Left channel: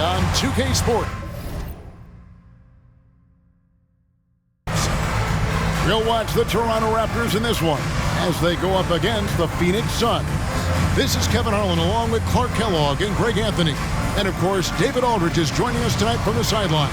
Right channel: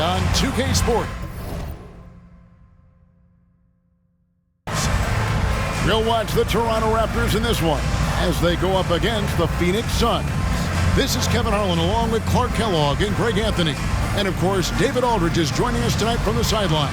on 2K Sport. We'll watch the Toronto Raptors in this one as they go up against the Phœnix Suns. This is Kevin Harlan along with Clark Kellogg and Greg Anthony. And, of course, David Aldridge is joining us tonight from the sideline.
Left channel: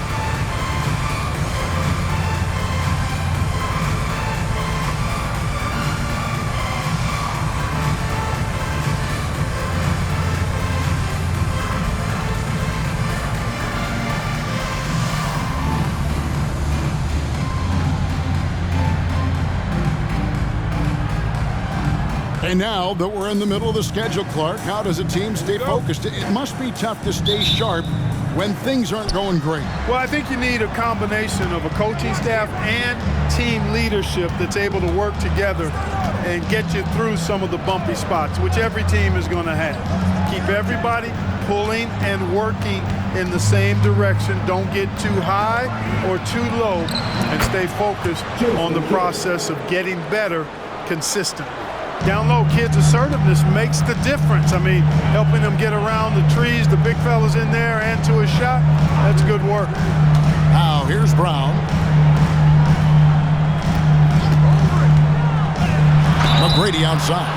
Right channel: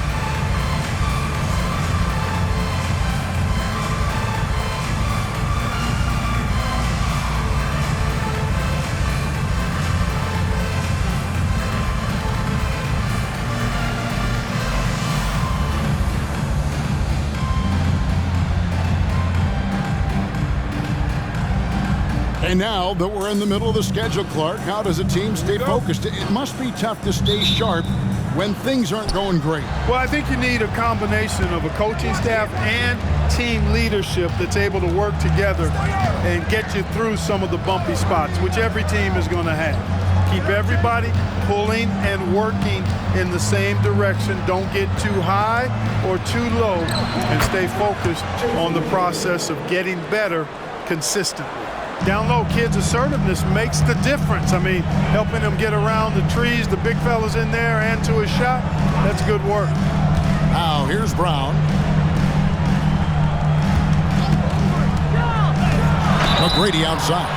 And now that we're in the middle of the schedule, Clark, how does a team stay focused? It must be tough to stay sharp when things aren't going great. Well, I think you need a combination of a coaching staff and team leadership that's able to work together and get you through some of the bumpy spots, which every team is going to have. Keep everybody pulling and working in the same direction. Don't get too high or too low, and stay focused on the process of getting better consistently. Down low, kids' assertiveness makes the difference. I mean, helping them get around the trees, the big fellas in there, and to a shot, that's good work. Now, here's Brown. McGrady outside.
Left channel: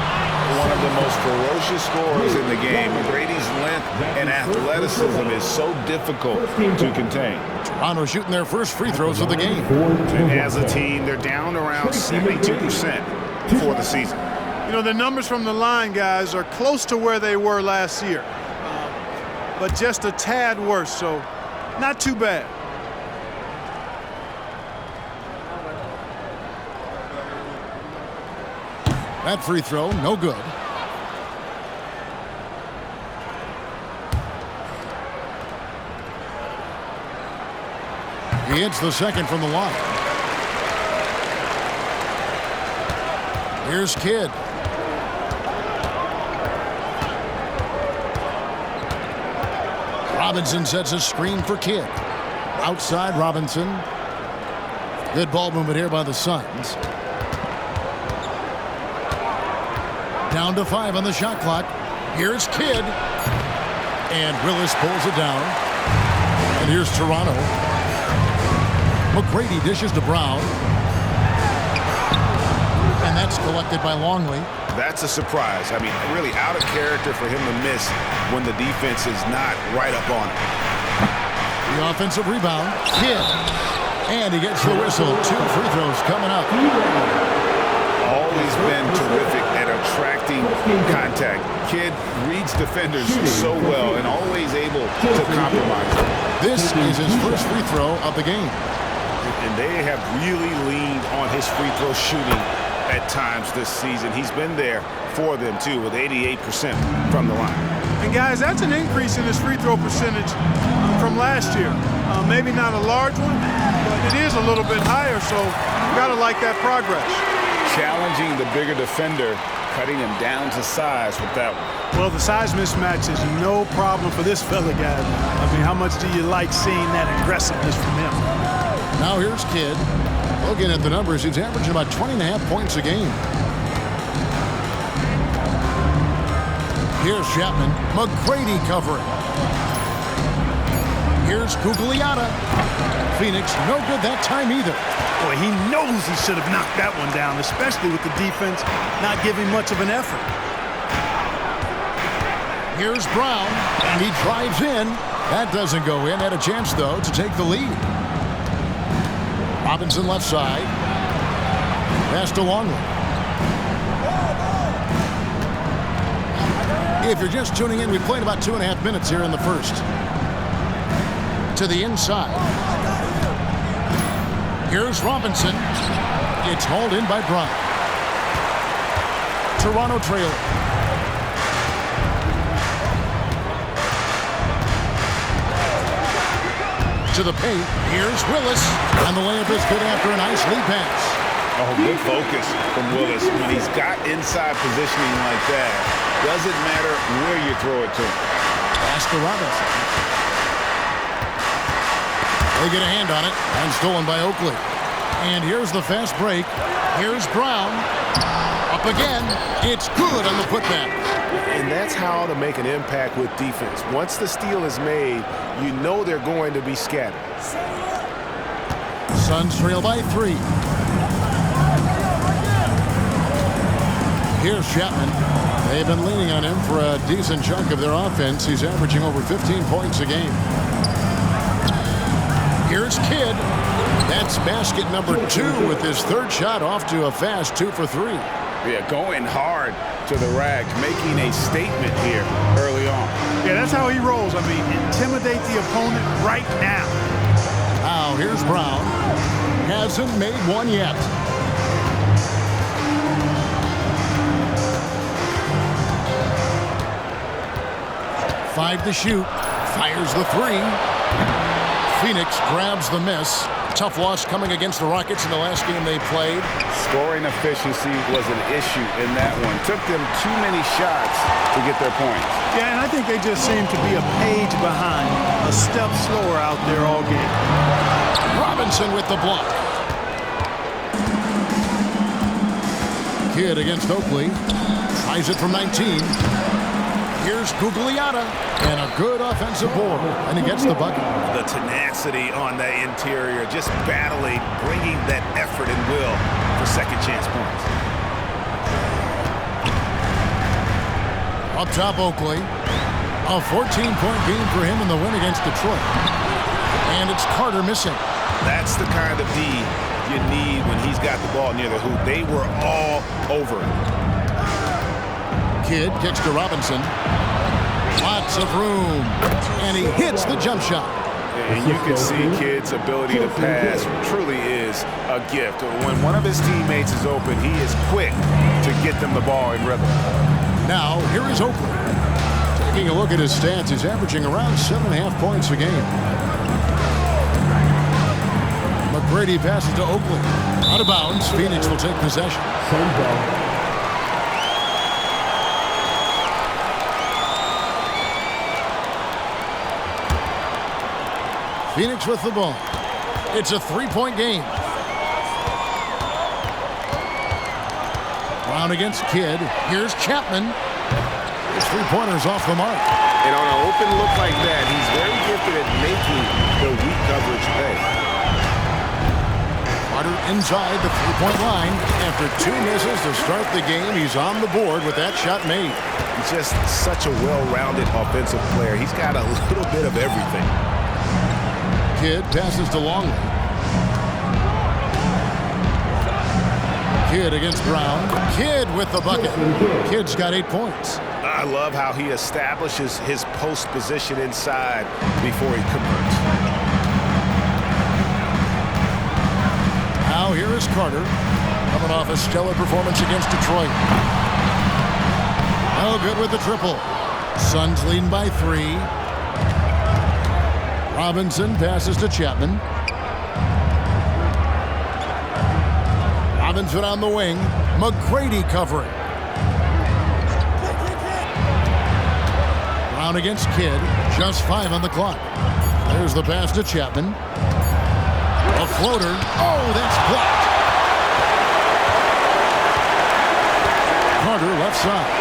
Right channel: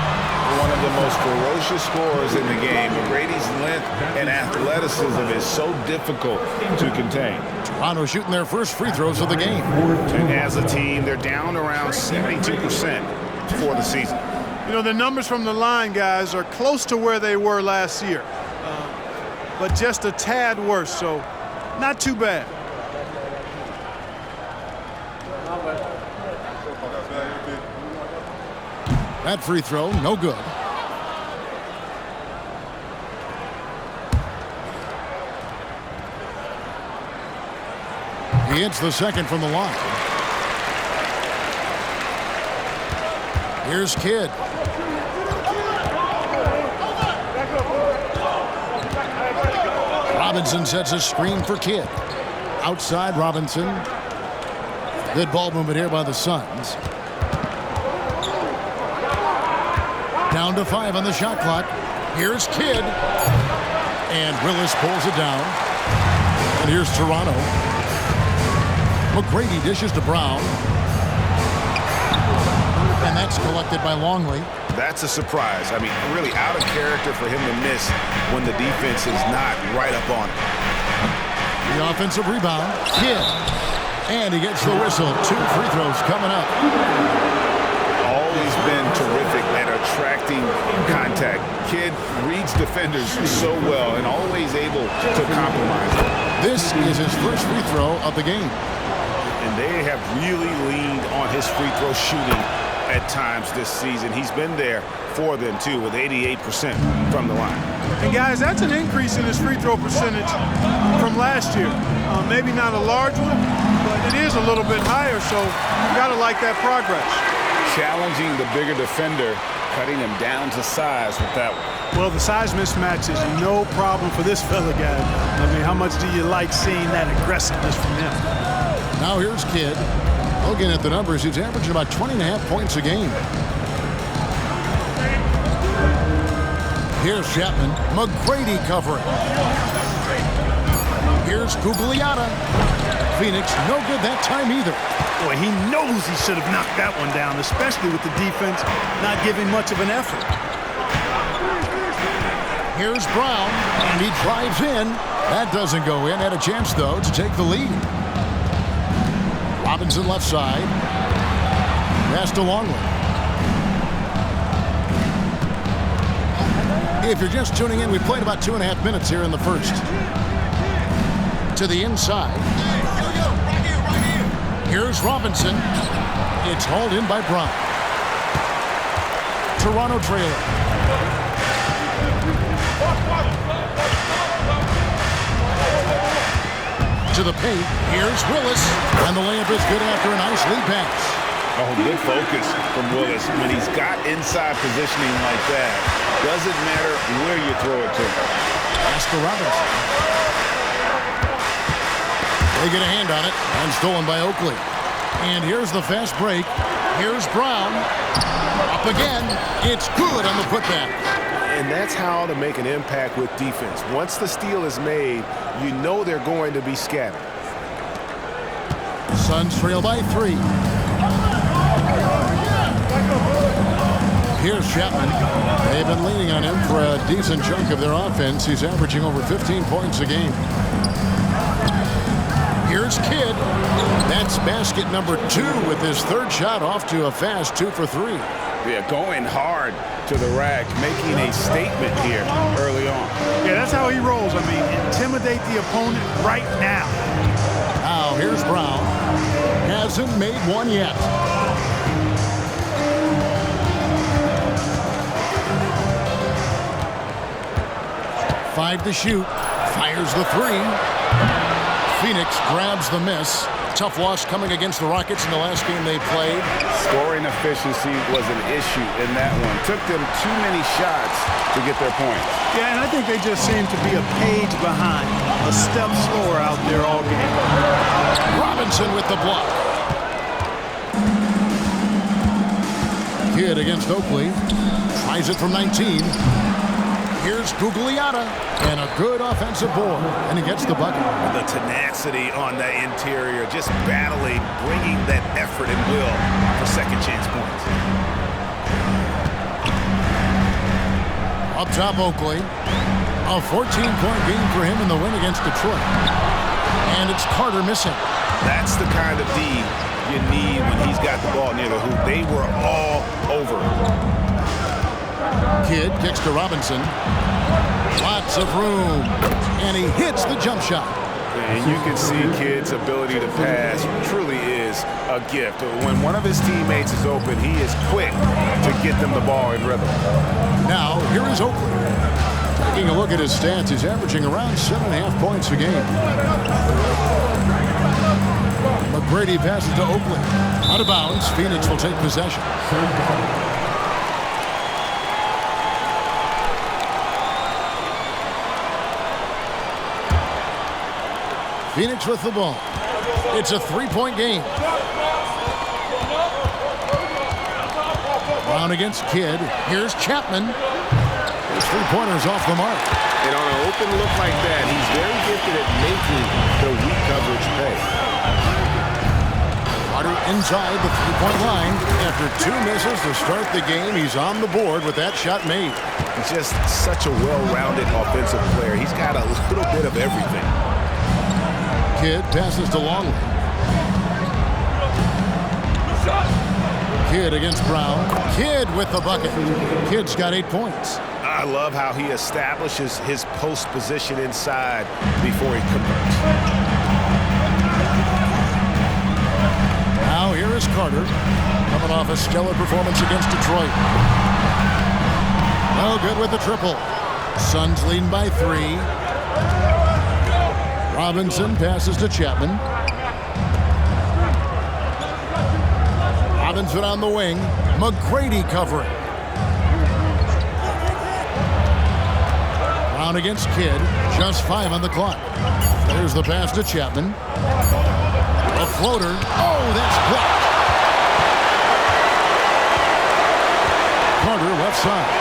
One of the most ferocious scorers in the game. McGrady's length and athleticism is so difficult to contain. Toronto shooting their first free throws of the game. And as a team, they're down around 72% for the season. You know, the numbers from the line, guys, are close to where they were last year, but just a tad worse, so not too bad. That free throw, no good. He hits the second from the line. Here's Kidd. Robinson sets a screen for Kidd. Outside Robinson. Good ball movement here by the Suns. Down to 5 on the shot clock. Here's Kidd. And Willis pulls it down. And here's Toronto. McGrady dishes to Brown. And that's collected by Longley. That's a surprise. I mean, really out of character for him to miss when the defense is not right up on it. The offensive rebound, Kidd. And he gets the whistle. 2 free throws coming up. Always been terrific at attracting contact. Kidd reads defenders so well and always able to compromise them. This is his first free throw of the game. And they have really leaned on his free throw shooting at times this season. He's been there for them, too, with 88% from the line. And, guys, that's an increase in his free throw percentage from last year. Maybe not a large one, but it is a little bit higher, so you've got to like that progress. Challenging the bigger defender, cutting him down to size with that one. Well, the size mismatch is no problem for this fella, guys. I mean, how much do you like seeing that aggressiveness from him? Now here's Kidd. Looking at the numbers, he's averaging about 20.5 points a game. Here's Chapman. McGrady covering. Here's Gugliotta. Phœnix, no good that time either. Boy, he knows he should have knocked that one down, especially with the defense not giving much of an effort. Here's Brown, and he drives in. That doesn't go in. Had a chance, though, to take the lead. Robinson left side. Pass to Longley. If you're just tuning in, we played about 2.5 minutes here in the first. To the inside. Here's Robinson. It's hauled in by Brown. Toronto trailing. To the paint. Here's Willis. And the layup is good after a nice lead pass. Oh, good focus from Willis. When he's got inside positioning like that, doesn't matter where you throw it to him. Pass to Robinson. They get a hand on it, and stolen by Oakley. And here's the fast break. Here's Brown. A Up again. It's good on the putback. And that's how to make an impact with defense. Once the steal is made, you know they're going to be scattered. Suns trail by 3. Here's Chapman. They've been leaning on him for a decent chunk of their offense. He's averaging over 15 points a game. Here's Kidd. That's basket number 2 with his third shot off to a fast 2 for 3. Yeah, going hard to the rack, making a statement here early on. Yeah, that's how he rolls. I mean, intimidate the opponent right now. Now here's Brown. Hasn't made one yet. Five to shoot. Fires the 3. Phœnix grabs the miss. Tough loss coming against the Rockets in the last game they played. Scoring efficiency was an issue in that one. Took them too many shots to get their points. Yeah, and I think they just seem to be a page behind, a step slower out there all game. Robinson with the block. Kidd against Oakley. Tries it from 19. Here's Gugliotta. And a good offensive board. And he gets the bucket. The tenacity on the interior, just battling, bringing that effort and will for second chance points. Up top, Oakley. A 14-point game for him in the win against Detroit. And it's Carter missing. That's the kind of D you need when he's got the ball near the hoop. They were all over it. Kidd kicks to Robinson. Lots of room. And he hits the jump shot. And you can see Kidd's ability to pass truly is a gift. When one of his teammates is open, he is quick to get them the ball in rhythm. Now, here is Oakley. Taking a look at his stats, he's averaging around 7.5 points a game. McGrady passes to Oakley. Out of bounds, Phœnix will take possession. Phœnix with the ball. It's a 3-point game. Brown against Kidd. Here's Chapman. His 3-pointer's off the mark. And on an open look like that, he's very gifted at making the weak coverage pay. Carter inside the 3-point line. After 2 misses to start the game, he's on the board with that shot made. Just such a well-rounded offensive player. He's got a little bit of everything. Kidd passes to Longley. Kidd against Brown. Kidd with the bucket. Kidd's got 8 points. I love how he establishes his post position inside before he converts. Now here is Carter, coming off a stellar performance against Detroit. No good with the triple. Suns leading by 3. Robinson passes to Chapman. Robinson on the wing. McGrady covering. Brown against Kidd. Just 5 on the clock. There's the pass to Chapman. A floater. Oh, that's blocked. Carter left side.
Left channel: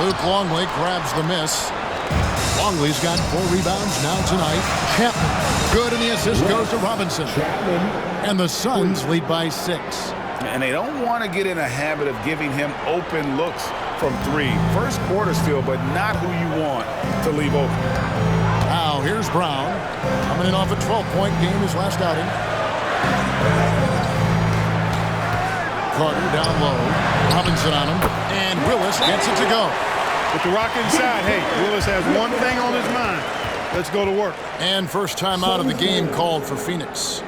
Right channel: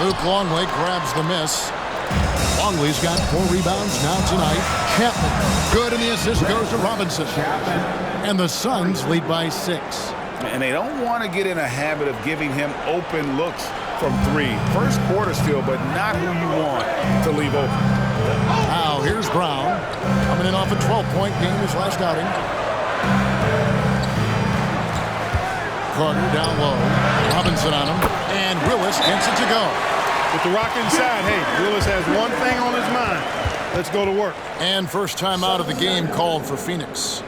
Luke Longley grabs the miss. Longley's got 4 rebounds now tonight. Chapman, good, and the assist goes to Robinson. And the Suns lead by 6. And they don't want to get in a habit of giving him open looks from 3. First quarter still, but not who you want to leave open. Now here's Brown, coming in off a 12-point game his last outing. Carter down low. Robinson on him. And Willis gets it to go. With the rock inside, hey, Willis has one thing on his mind. Let's go to work. And first time out of the game called for Phœnix.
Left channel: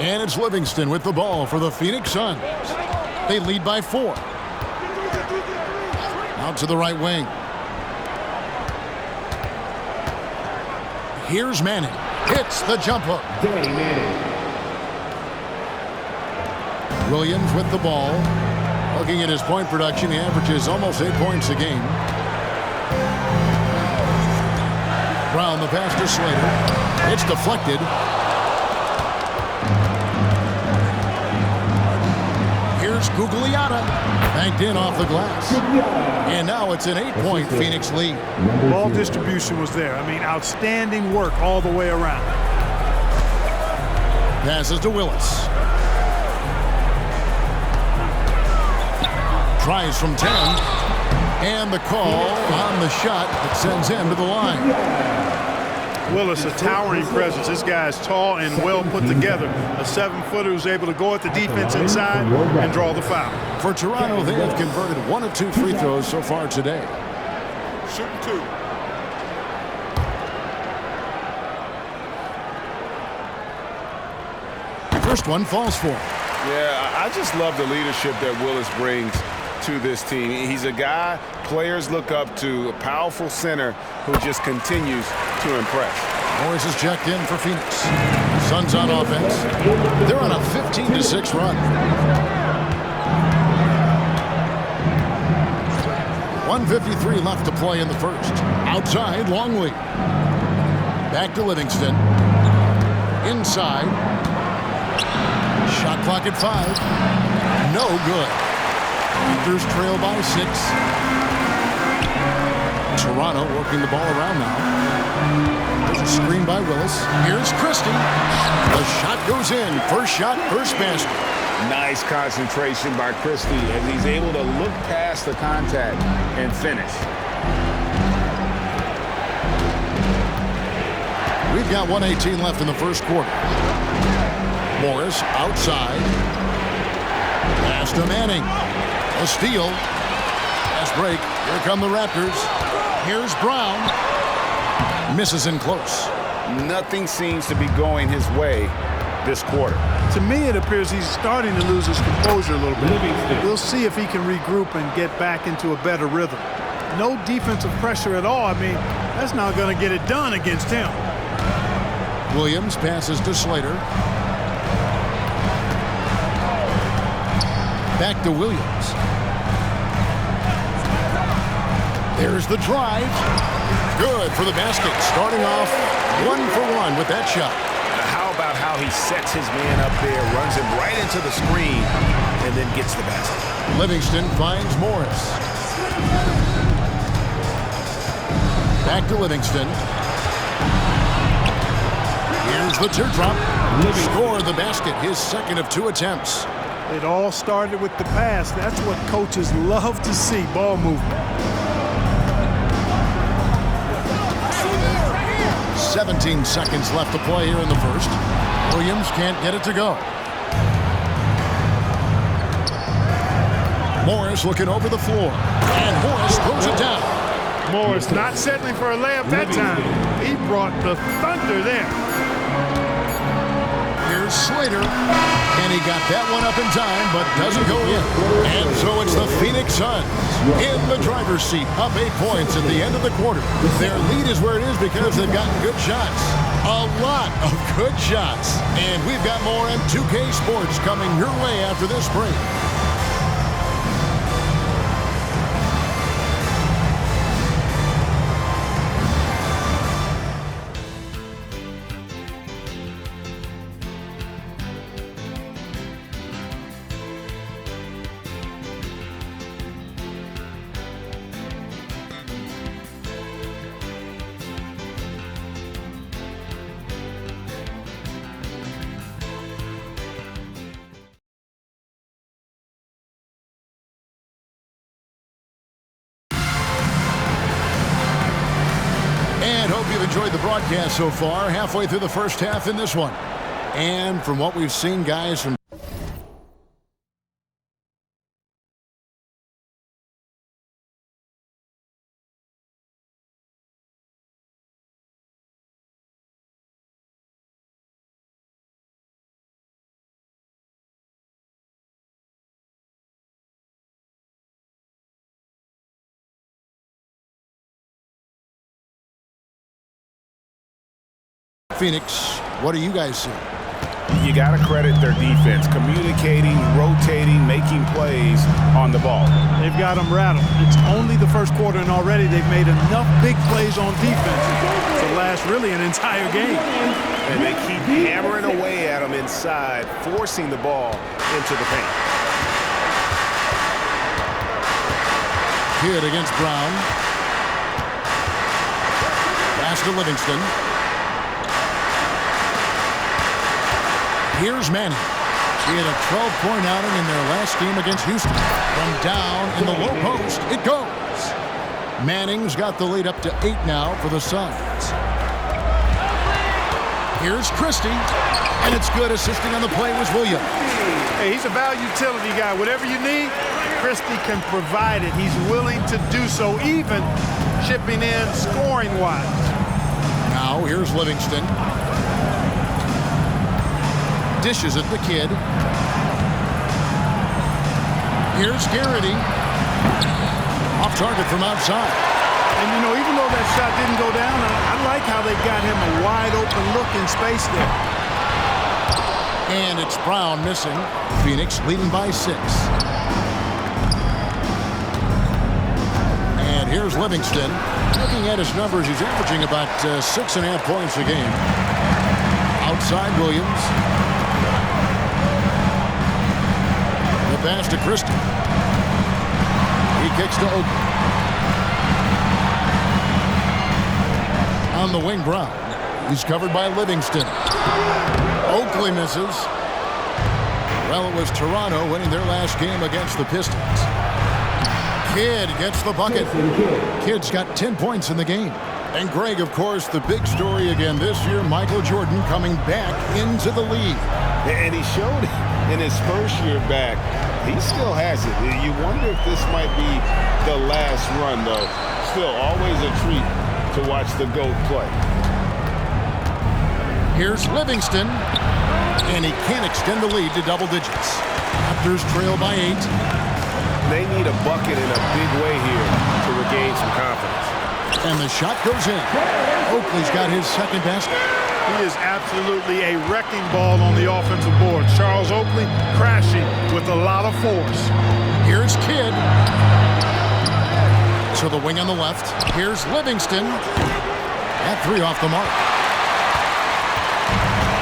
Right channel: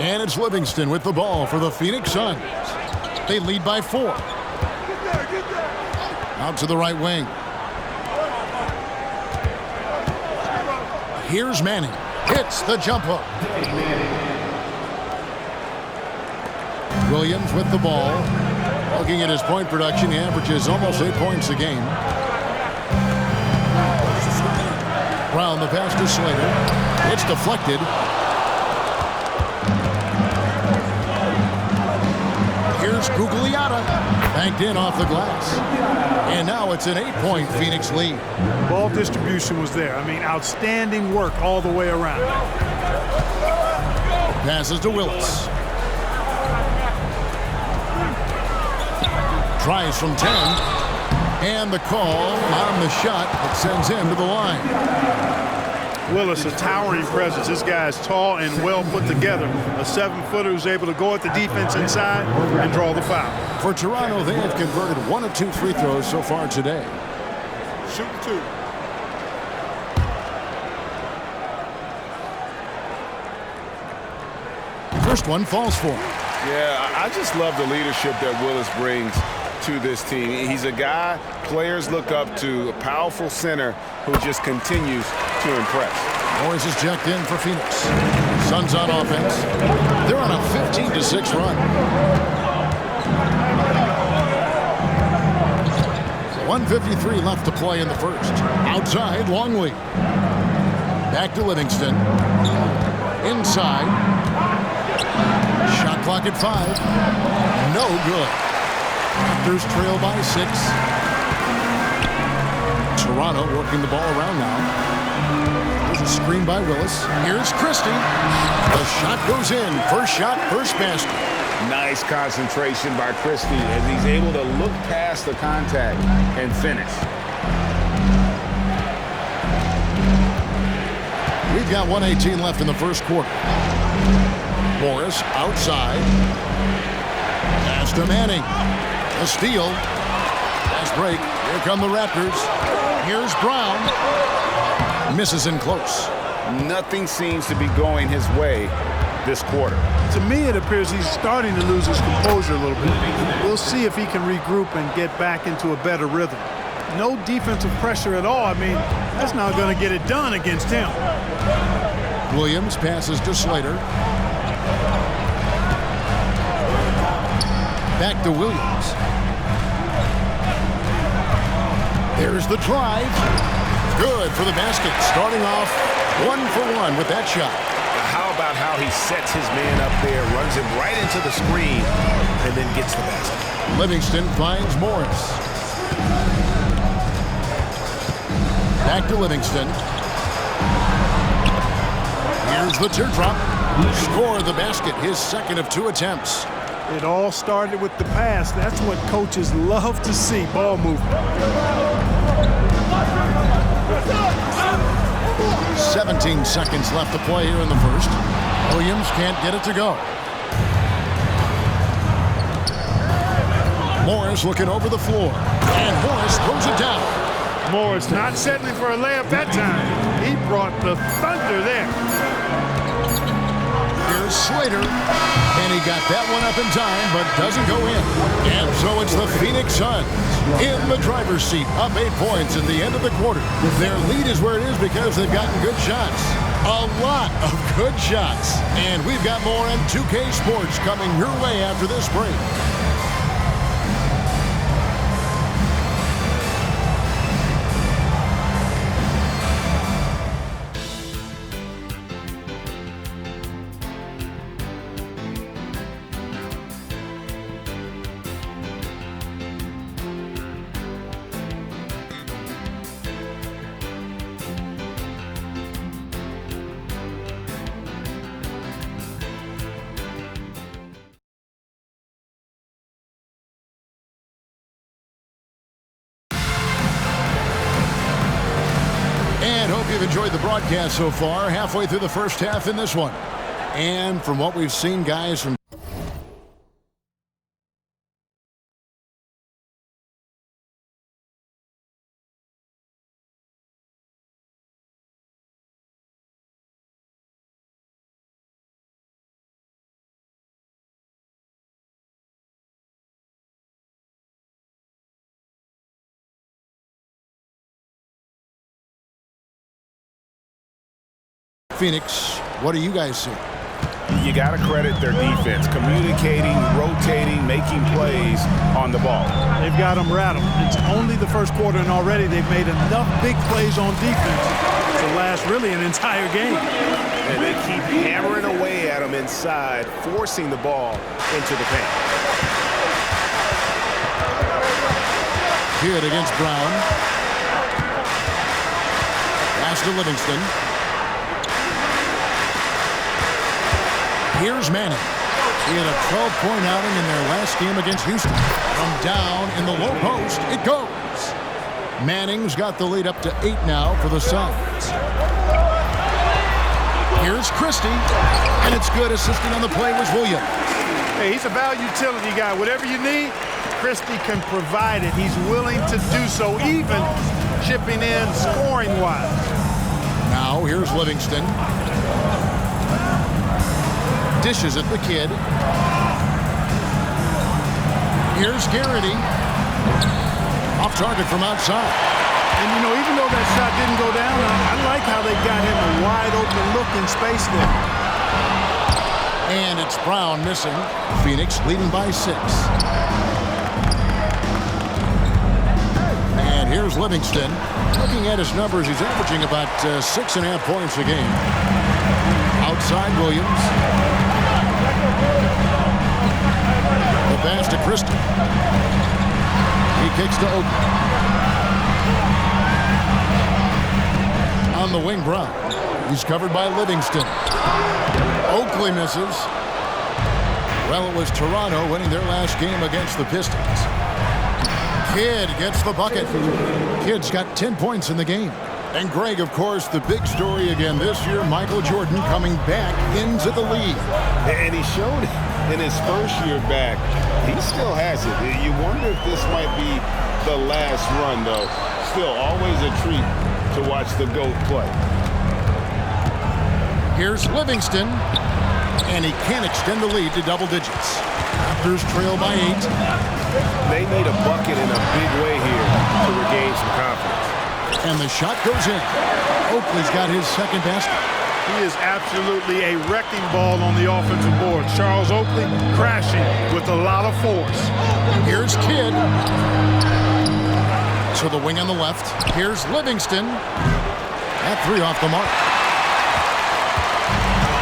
And it's Livingston with the ball for the Phoenix Suns. They lead by 4. Out to the right wing. Here's Manning. Hits the jump hook. Williams with the ball. Looking at his point production, he averages almost 8 points a game. Brown the pass to Slater. It's deflected. Here's Gugliotta. Banked in off the glass. And now it's an 8-point Phoenix lead. Ball distribution was there. I mean, outstanding work all the way around. Passes to Willis. Tries from 10. And the call on the shot that sends him to the line. Willis, a towering presence. This guy is tall and well put together. A 7-footer who's able to go at the defense inside and draw the foul. For Toronto, they have converted 1 of 2 free throws so far today. Shooting 2. First one falls for him. Yeah, I just love the leadership that Willis brings to this team. He's a guy players look up to, a powerful center who just continues to impress. Morris is checked in for Phoenix. Suns on offense. They're on a 15-6 run. 1:53 left to play in the first. Outside, Longley. Back to Livingston. Inside. Shot clock at 5. No good. Raptors trail by 6. Toronto working the ball around now. There's a screen by Willis. Here's Christie. The shot goes in. First shot, first basket. Nice concentration by Christie as he's able to look past the contact and finish. We've got 1:18 left in the first quarter. Morris outside. Pass to Manning. A steal. Fast break. Here come the Raptors. Here's Brown. Misses in close. Nothing seems to be going his way this quarter. To me, it appears he's starting to lose his composure a little bit. We'll see if he can regroup and get back into a better rhythm. No defensive pressure at all. I mean, that's not going to get it done against him. Williams passes to Slater. Back to Williams. There's the drive. Good for the basket. Starting off 1 for 1 with that shot. Now, how about how he sets his man up there, runs him right into the screen, and then gets the basket. Livingston finds Morris. Back to Livingston. Here's the teardrop. Scored the basket, his second of 2 attempts. It all started with the pass. That's what coaches love to see, ball movement. 17 seconds left to play here in the first. Williams can't get it to go. Morris looking over the floor. And Morris throws it down. Morris not settling for a layup that time. He brought the thunder there. Here's Slater. And he got that one up in time, but doesn't go in. And so it's the Phoenix Suns in the driver's seat, up 8 points at the end of the quarter. Their lead is where it is because they've gotten good shots. A lot of good shots. And we've got more M2K Sports coming your way after this break. And hope you've enjoyed the broadcast so far. Halfway through the first half in this one. And from what we've seen, guys, from Phœnix, what do you guys see? You got to credit their defense, communicating, rotating, making plays on the ball. They've got them rattled. It's only the first quarter, and already they've made enough big plays on defense to last really an entire game. And they keep hammering away at them inside, forcing the ball into the paint. Kidd against Brown. Pass to Livingston. Here's Manning. He had a 12-point outing in their last game against Houston. From down in the low post, it goes. Manning's got the lead up to 8 now for the Suns. Here's Christie, and it's good. Assisting on the play was Williams. Hey, he's a value utility guy. Whatever you need, Christie can provide it. He's willing to do so, even chipping in scoring-wise. Now here's Livingston. Dishes at the Kidd. Here's Garrity. Off target from outside. And, you know, even though that shot didn't go down, I like how they got him a wide-open look in space there. And it's Brown missing. Phœnix leading by 6. And here's Livingston. Looking at his numbers, he's averaging about 6.5 points a game. Outside Williams. The pass to Christie. He kicks to Oakley. On the wing, Brown. He's covered by Livingston. Oakley misses. Well, it was Toronto winning their last game against the Pistons. Kidd gets the bucket. Kidd's got 10 points in the game. And Greg, of course, the big story again this year, Michael Jordan coming back into the league. And he showed it in his first year back. He still has it. You wonder if this might be the last run, though. Still, always a treat to watch the GOAT play. Here's Livingston, and he can't extend the lead to double digits. Raptors trail by 8. They need a bucket in a big way here to regain some confidence. And the shot goes in. Oakley's got his second basket. He is absolutely a wrecking ball on the offensive board. Charles Oakley crashing with a lot of force. Here's Kidd. To the wing on the left. Here's Livingston. That 3 off the mark.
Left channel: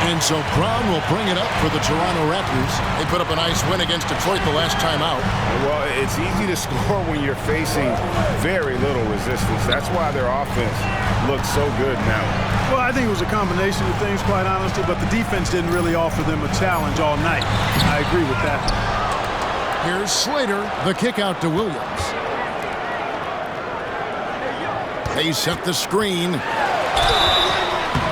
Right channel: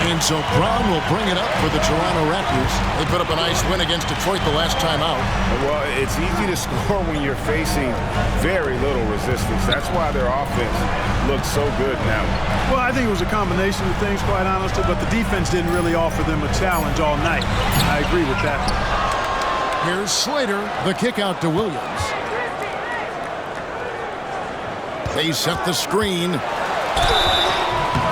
And so Brown will bring it up for the Toronto Raptors. They put up a nice win against Detroit the last time out. Well, it's easy to score when you're facing very little resistance. That's why their offense looks so good now. Well, I think it was a combination of things, quite honestly, but the defense didn't really offer them a challenge all night. I agree with that. Here's Slater, the kick out to Williams. They set the screen.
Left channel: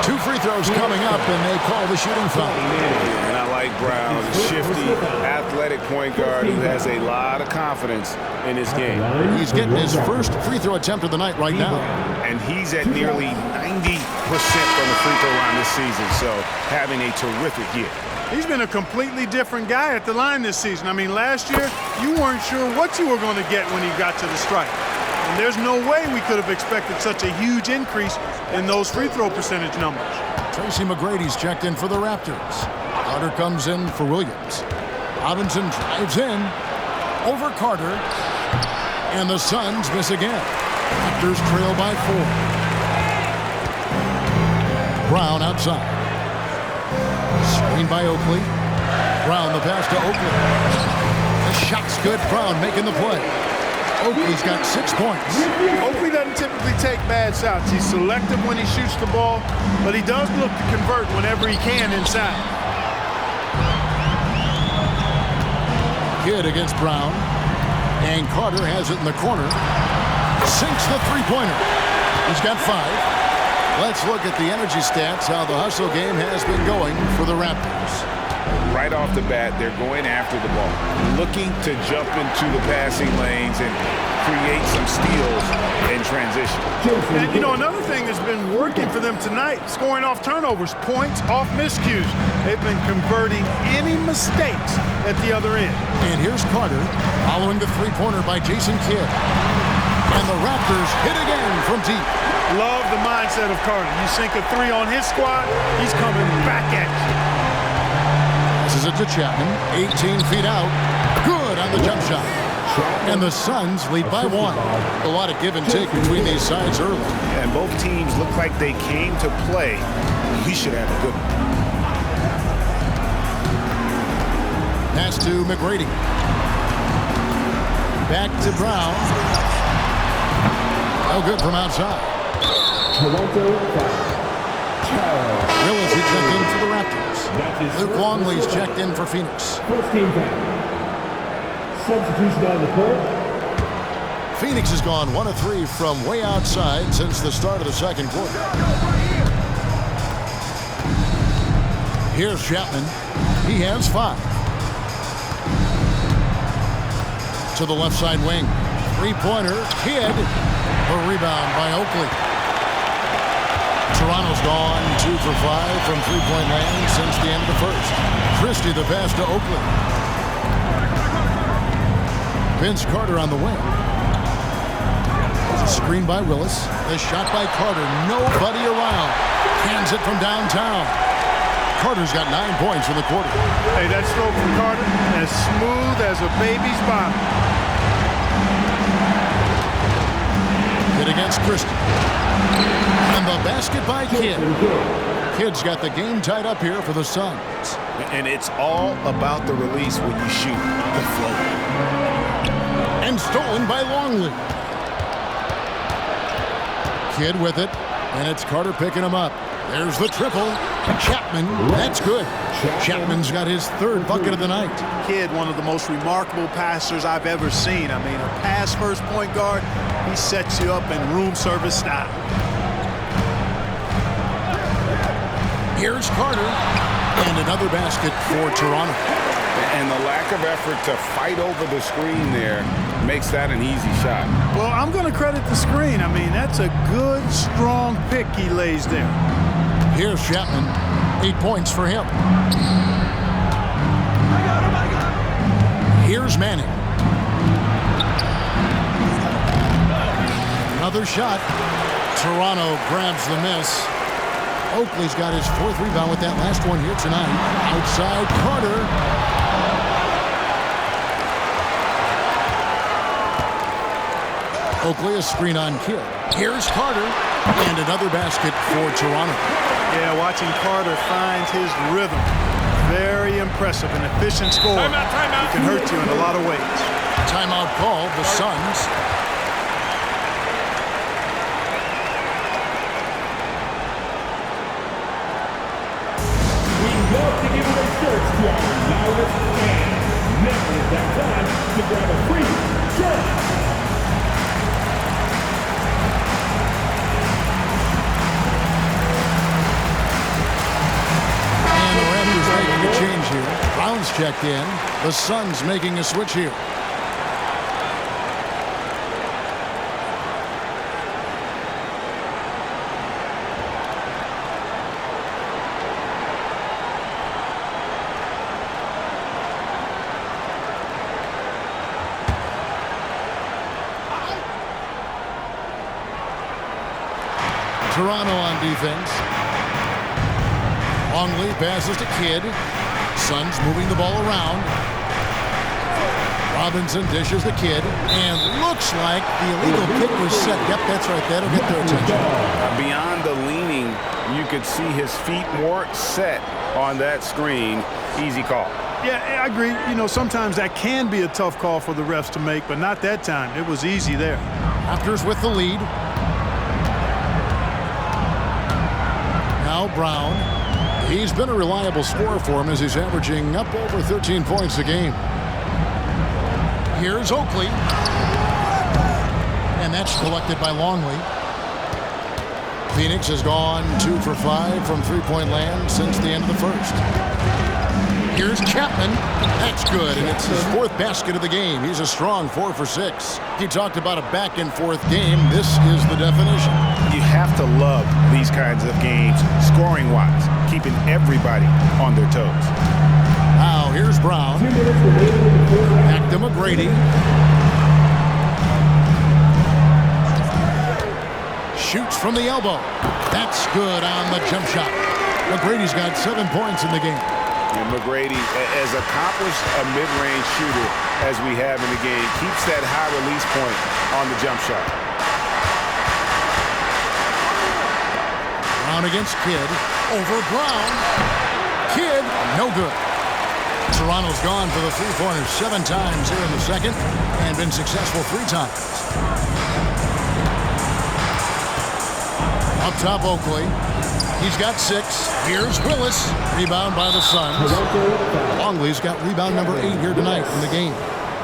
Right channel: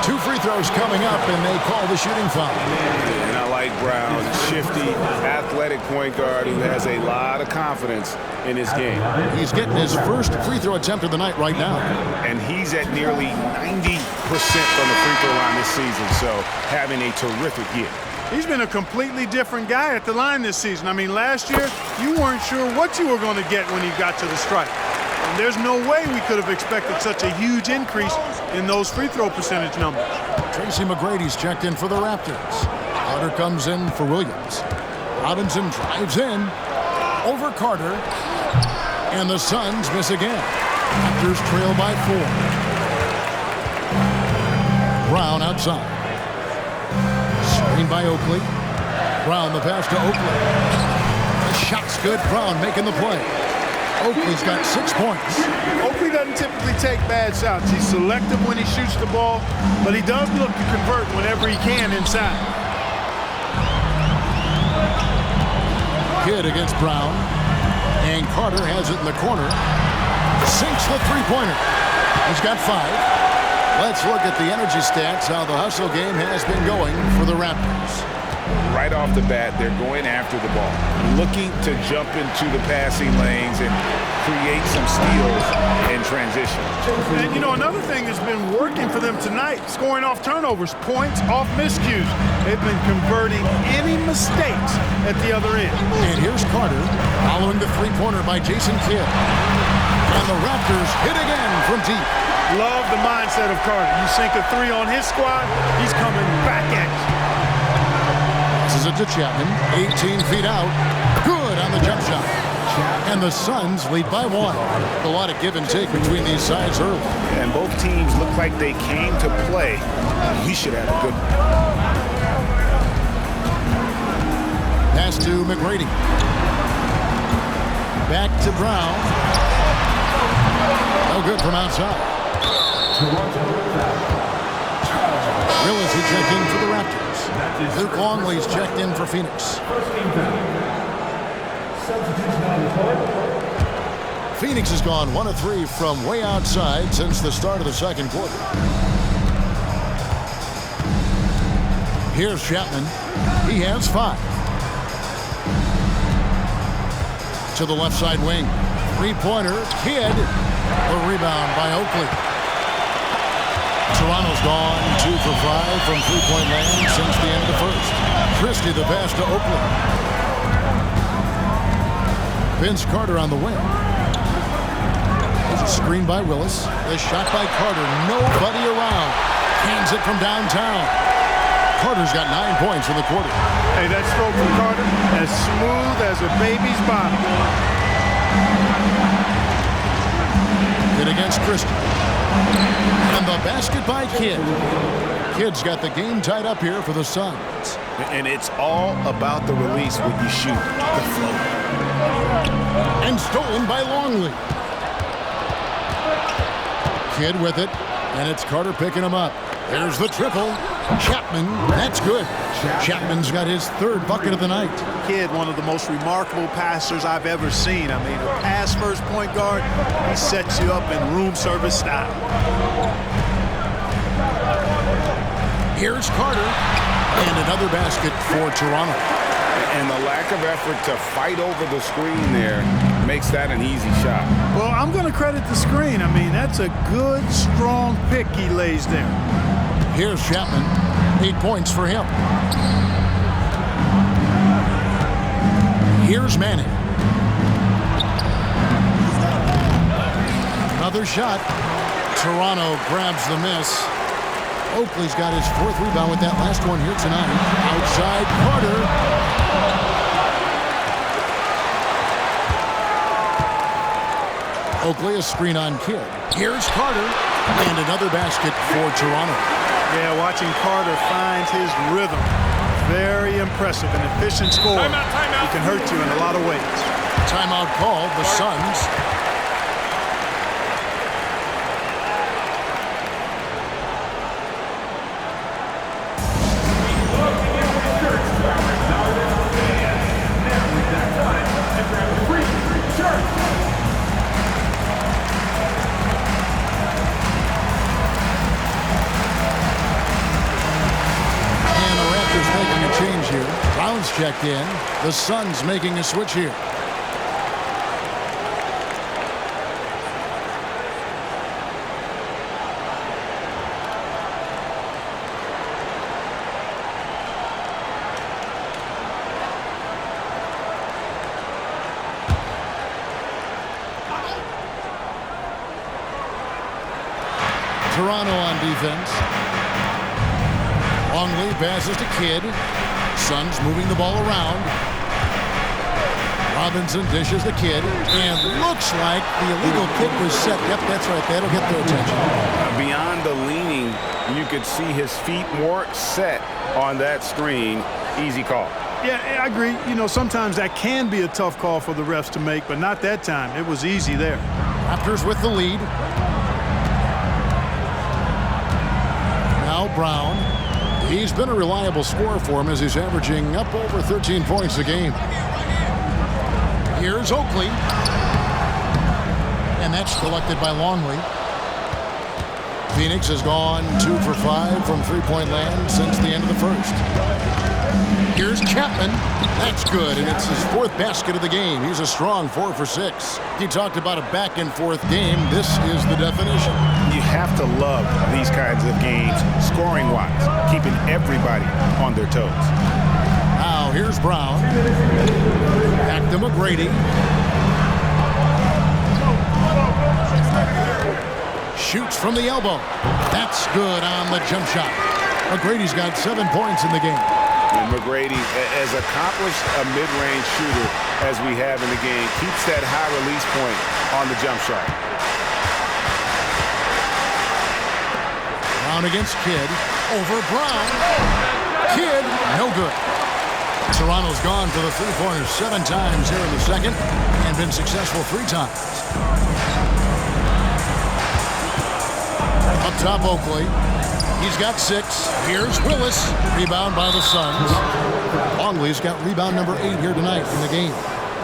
2 free throws coming up, and they call the shooting foul. Yeah, and I like Brown, a shifty, athletic point guard who has a lot of confidence in his game. He's getting his first free throw attempt of the night right now. And he's at nearly 90% from the free throw line this season, so having a terrific year. He's been a completely different guy at the line this season. I mean, last year, you weren't sure what you were going to get when he got to the stripe. And there's no way we could have expected such a huge increase in those free throw percentage numbers. Tracy McGrady's checked in for the Raptors. Carter comes in for Williams. Robinson drives in. Over Carter. And the Suns miss again. Raptors trail by 4. Brown outside. Screen by Oakley. Brown the pass to Oakley. The shot's good. Brown making the play. Oakley's got 6 points. Oakley doesn't typically take bad shots. He's selective when he shoots the ball, but he does look to convert whenever he can inside. Kidd against Brown. And Carter has it in the corner. Sinks the three-pointer. He's got 5. Let's look at the energy stats, how the hustle game has been going for the Raptors. Right off the bat, they're going after the ball, looking to jump into the passing lanes and create some steals in transition. And, you know, another thing that's been working for them tonight, scoring off turnovers, points off miscues. They've been converting any mistakes at the other end. And here's Carter following the three-pointer by Jason Kidd. And the Raptors hit again from deep. Love the mindset of Carter. You sink a three on his squad, he's coming back at you. Passes it to Chapman. 18 feet out. Good on the jump shot. And the Suns lead by 1. A lot of give and take between these sides early. And both teams look like they came to play. We should have a good one. Pass to McGrady. Back to Brown. No good from outside. Willis, he checked in for the Raptors. Luke Longley's checked in for Phoenix. First team foul. Substitution on the court. Phoenix has gone 1 of 3 from way outside since the start of the second quarter. Here's Chapman. He has 5. To the left side wing. Three-pointer. Kidd. The rebound by Oakley. Toronto's gone 2 for 5 from three-point land since the end of the first. Christie the pass to Oakley. Vince Carter on the wing. There's a screen by Willis. The shot by Carter. Nobody around. Hands it from downtown. Carter's got 9 points in the quarter. Hey, that stroke from Carter, as smooth as a baby's bottom. Kidd against Christie. And the basket by Kidd. Kidd's got the game tied up here for the Suns. And it's all about the release when you shoot the float. And stolen by Longley. Kidd with it, and it's Carter picking him up. There's the triple. Chapman, that's good. Chapman's got his 3rd bucket of the night. Kidd, one of the most remarkable passers I've ever seen. I mean, a pass-first point guard, he sets you up in room service style. Here's Carter, and another basket for Toronto. And the lack of effort to fight over the screen there makes that an easy shot. Well, I'm going to credit the screen. I mean, that's a good, strong pick he lays there. Here's Chapman. 8 points for him. Here's Manning. Another shot. Toronto grabs the miss. Oakley's got his 4th rebound with that last one here tonight. Outside Carter. Oakley, a screen on Kidd. Here's Carter. And another basket for Toronto. Yeah, watching Carter find his rhythm. Very impressive. An efficient scorer. Timeout. He can hurt you in a lot of ways. Timeout called. The Suns. We love to give away shirts to our loudest fans. Now is that time to grab a free shirt. And the Raptors making a change here. Brown's checked in. The Suns making a switch here. Toronto on defense. Longley passes to Kidd. Suns moving the ball around. Robinson dishes the Kidd. And looks like the illegal kick was set. Yep, that's right. That'll get their attention. Beyond the leaning, you could see his feet more set on that screen. Easy call. Yeah, I agree. You know, sometimes that can be a tough call for the refs to make, but not that time. It was easy there. Raptors with the lead. Now Brown. He's been a reliable scorer for him as he's averaging up over 13 points a game. Here's Oakley. And that's collected by Longley. Phoenix has gone 2 for 5 from three-point land since the end of the first. Here's Chapman. That's good, and it's his 4th basket of the game. He's a strong 4 for 6. He talked about a back-and-forth game. This is the definition. You have to love these kinds of games, scoring-wise, keeping everybody on their toes. Now, here's Brown. Back to McGrady. Shoots from the elbow. That's good on the jump shot. McGrady's got 7 points in the game. And McGrady, as accomplished a mid-range shooter as we have in the game, keeps that high release point on the jump shot. Brown against Kidd. Over Brown. Kidd, no good. Toronto's gone for the three-pointers 7 times here in the second and been successful 3 times. Up top, Oakley. He's got 6. Here's Willis. Rebound by the Suns. Longley's got rebound number 8 here tonight in the game.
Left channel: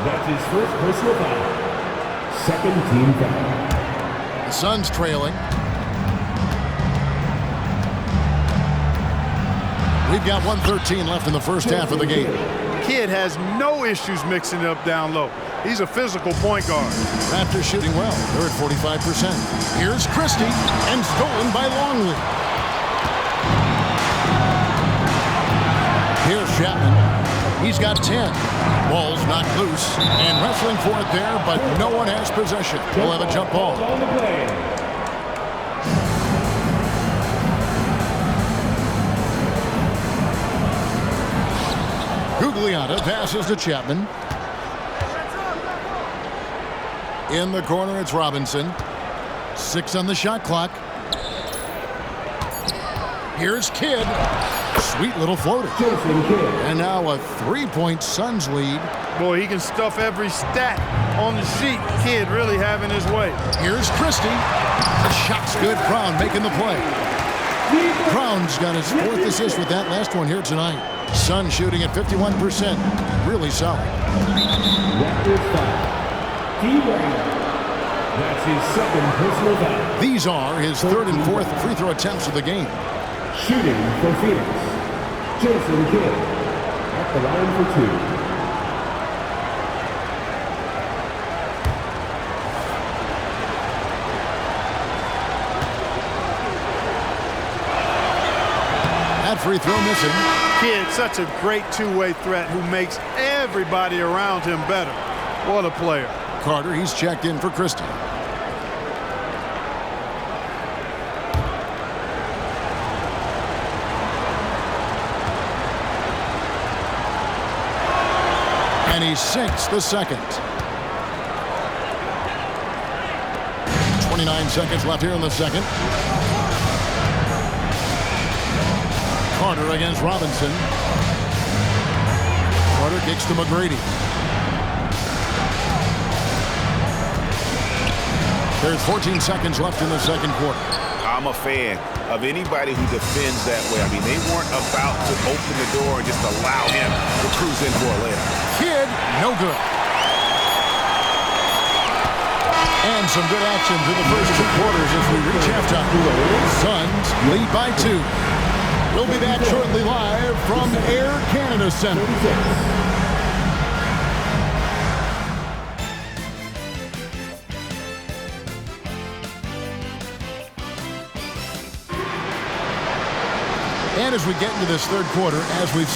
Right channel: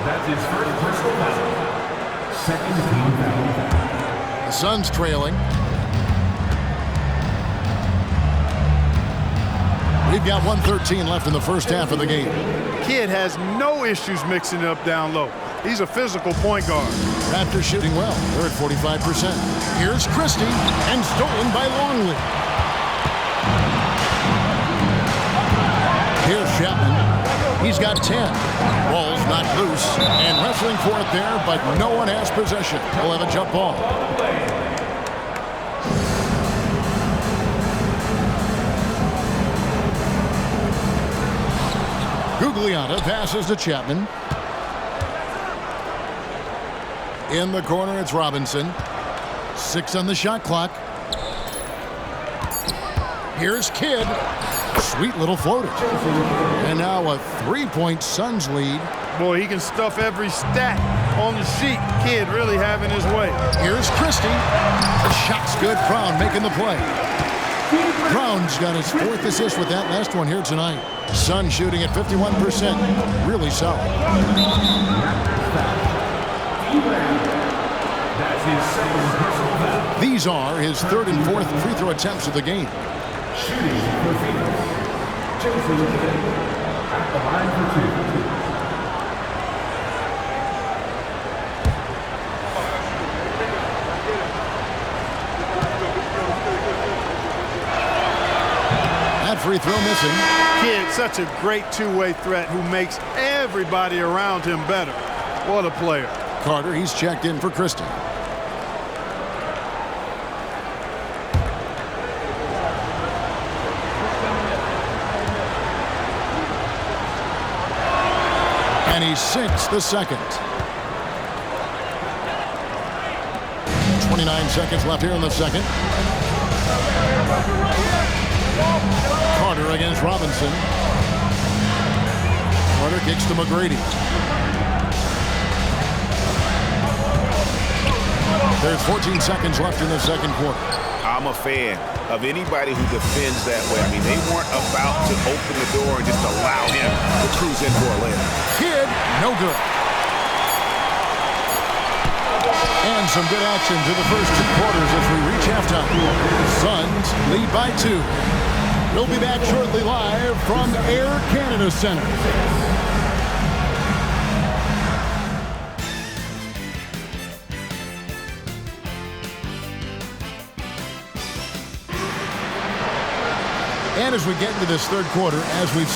That's his first personal foul. Second team foul. The Suns trailing. We've got 1:13 left in the first half of the game. Kidd has no issues mixing it up down low. He's a physical point guard. Raptors shooting well. They're at 45%. Here's Christie, and stolen by Longley. Here's Chapman. He's got 10. Ball's knocked loose, and wrestling for it there, but no one has possession. We'll have a jump ball. On the play. Gugliotta passes to Chapman. In the corner, it's Robinson. 6 on the shot clock. Here's Kidd. Sweet little floater. And now a 3-point Suns lead. Boy, he can stuff every stat on the sheet. Kidd really having his way. Here's Christie. The shot's good. Brown making the play. Brown's got his 4th assist with that last one here tonight. Suns shooting at 51%. Really solid. Raptors foul. D-Brown. That's his second personal foul. These are his 3rd and 4th free throw attempts of the game. Shooting for Phoenix. Jason Kidd at the line for 2. That free throw missing. Kidd, such a great two-way threat who makes everybody around him better. What a player. Carter, he's checked in for Christie. And he sinks the second. 29 seconds left here in the second. Carter against Robinson. Carter kicks to McGrady. There's 14 seconds left in the second quarter. I'm a fan of anybody who defends that way. I mean, they weren't about to open the door and just allow him to cruise in for a layup. Kidd, no good. And some good action through the first 2 quarters as we reach halftime. Suns lead by 2. We'll be back shortly live from Air Canada Center. And as we get into this third quarter, as we've